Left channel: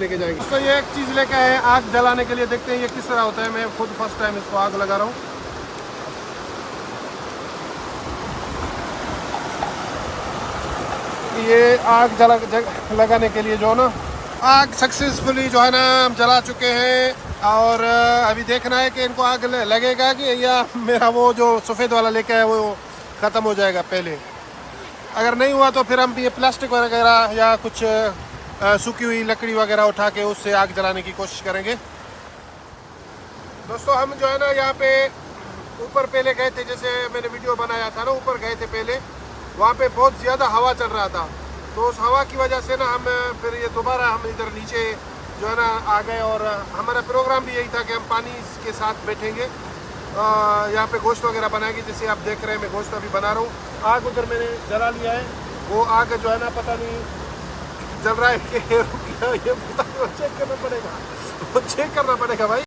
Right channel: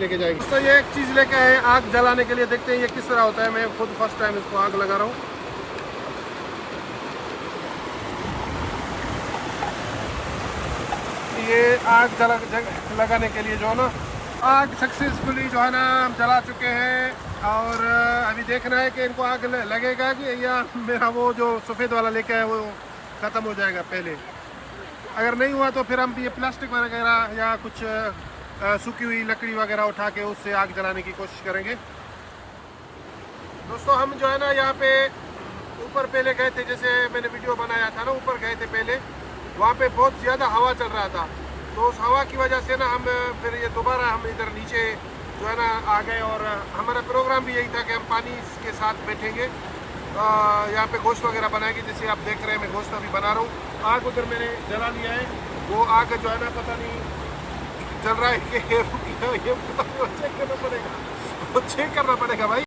लेके जाएंगे। तो ये एक चीज़ लेके आए आग जलाने के लिए, देखते हैं ये किस तरह होता है। मैं खुद फर्स्ट टाइम इसको आग लगा रहा हूँ। ये आग लगाने के लिए जो है ना, आग सक्सेसफुली जो है ना हम जला चुके हैं। और अभी देखना है कि इनको आग लगेगा कि या मेरा वो जो सफ़ेद वाला लेके आया वो ख़त्म हो जाएगा पहले। अगर नहीं हुआ तो फिर हम ये प्लास्टिक वगैरह या कुछ सूखी हुई लकड़ी वगैरह उठा के उससे आग जलाने की कोशिश करेंगे। दोस्तों हम जो है ना यहाँ पे ऊपर पहले गए थे, जैसे मैंने वीडियो बनाया था ना, ऊपर गए थे पहले। वहाँ पे बहुत ज़्यादा हवा चल रहा था, तो उस हवा की वजह से ना हम फिर ये दोबारा हम इधर नीचे जो है ना आ गए। और हमारा प्रोग्राम भी यही था कि हम पानी के साथ बैठेंगे, यहाँ पे गोश्त वगैरह बनाएंगे। जैसे आप देख रहे हैं मैं गोश्त अभी बना रहा हूँ। आग उधर मैंने जला लिया है, वो आग जो है ना पता नहीं जल रहा है कि ये पता नहीं, चेक करना पड़ेगा, चेक करना पड़ेगा भाई।